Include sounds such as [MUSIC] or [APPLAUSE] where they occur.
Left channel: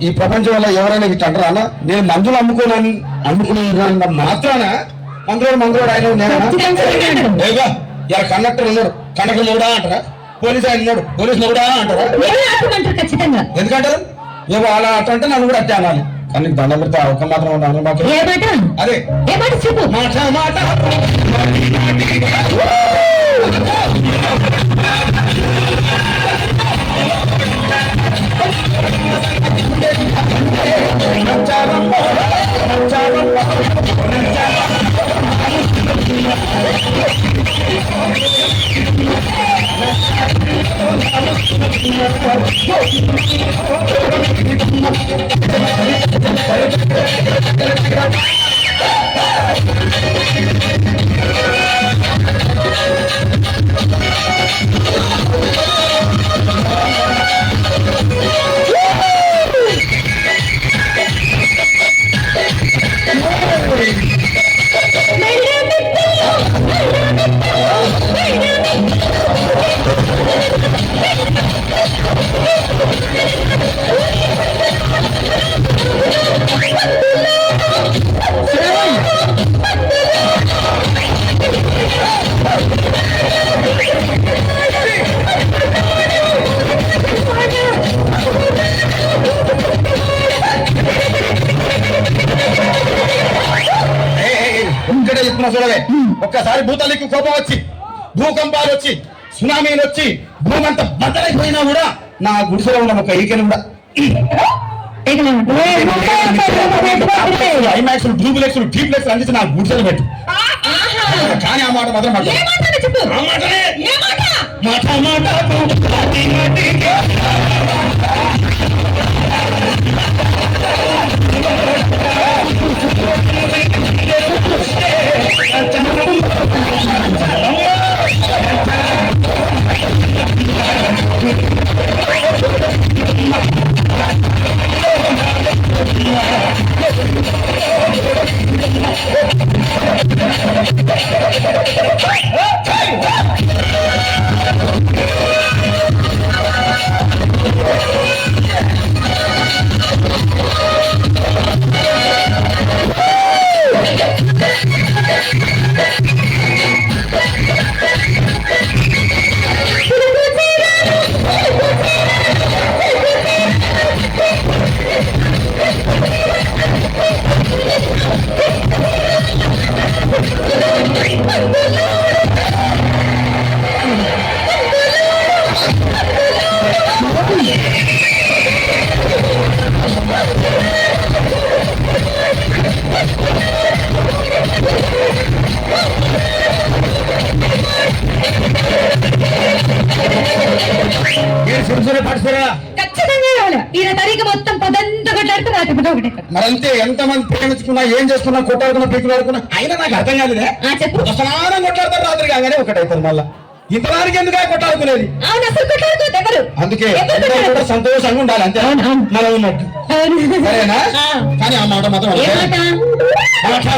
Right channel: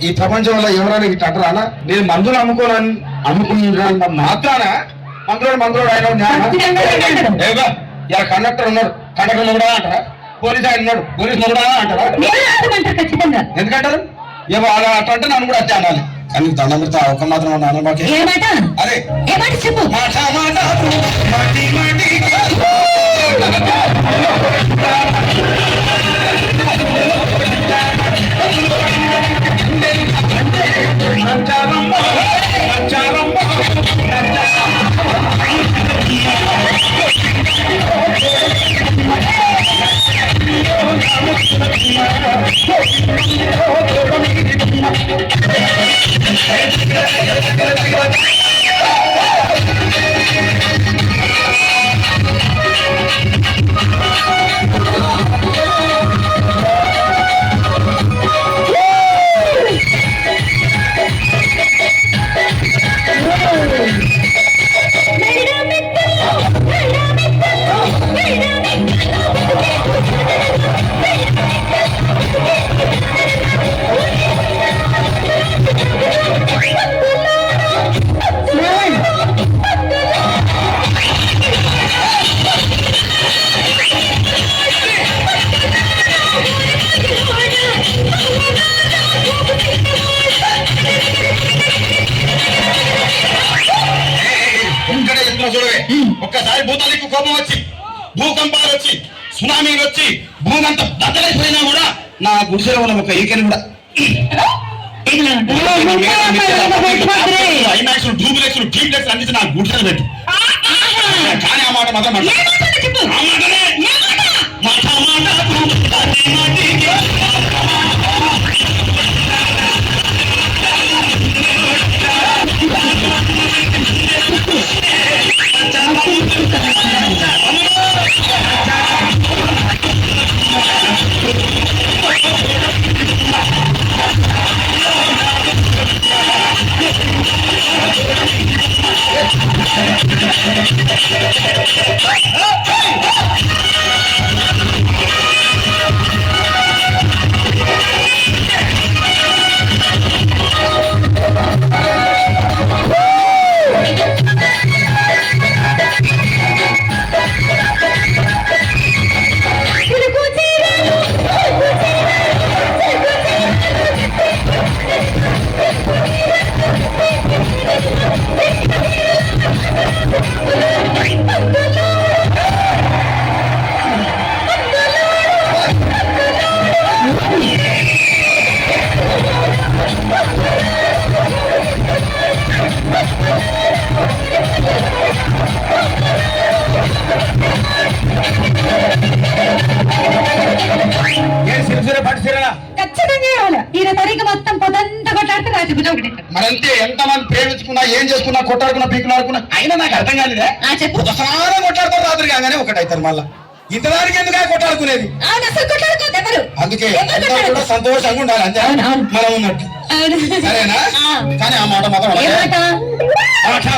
ఈ ప్రపంచంలో ఎవరైనా ఇట్లా అంటారా? అన్న నేను మందులు అమ్ముకోనని అమ్ముకున్న మాత్రాన మందులోడు మందులోడు ఆయన ఇలా కండక్టర్ ఉన్నాడు. కండక్టర్ కూడా అంటారా? పోలీస్ ఆయన ఉన్నాడు. పోలీస్ కూడా అంటారా? ఎందుకంటారు? ఏమో అలా అట్లా అంటే నన్ను కూడా అట్టే అనాలి. కానీ పెడితే ఒక మాత్రం మాకే. మాట? ఏ మాట చెప్పు? మాటి చెప్తున్నా చూడవే ఒక్కసారి భూతానికి కోపం వచ్చి భూకంపాలు వచ్చి సునామీలు వచ్చి భూమంత బద్దలైపోయినా కూడా నా గుడిసెలో ఉన్న ఒక ఈకెని కూడా ఐమాక్స్ డూబులెక్స్ టీప్లెక్స్ అందించి నా గుడిసెలు పెట్టి కానీ ఆ మాట మాత్రం మాట మాట మాట మాటి, [LAUGHS] సిరిసిరి పడిసిరా ఖచ్చితంగా ఈయన మొత్తం పొదంతా కొట్లాడితే ఒకటి. మరంతే ఎంతమంది ప్రేమించుకున్నా ఏం చేసుకున్నా కొట్టాడుకున్నా పీకులాడుకున్నా అయినా నాకు అర్థం కాలేదే. ఆ చెప్పు. ఒకసారి కొట్లాడతారు రాత్రి కాగానే ఒకటైతారు మళ్ళా. ఇంతవారికి ఎందుకు కొట్టాడుకునేది అవును అసలు కొట్లాడుకో ఎవరు? అందుకే అందరూ? కూడా సంతోషంగా ఉండాలి అంతే. మనం ఉన్నట్టు. సరేనా. కానీ ఆ మాట మాత్రం మాటి,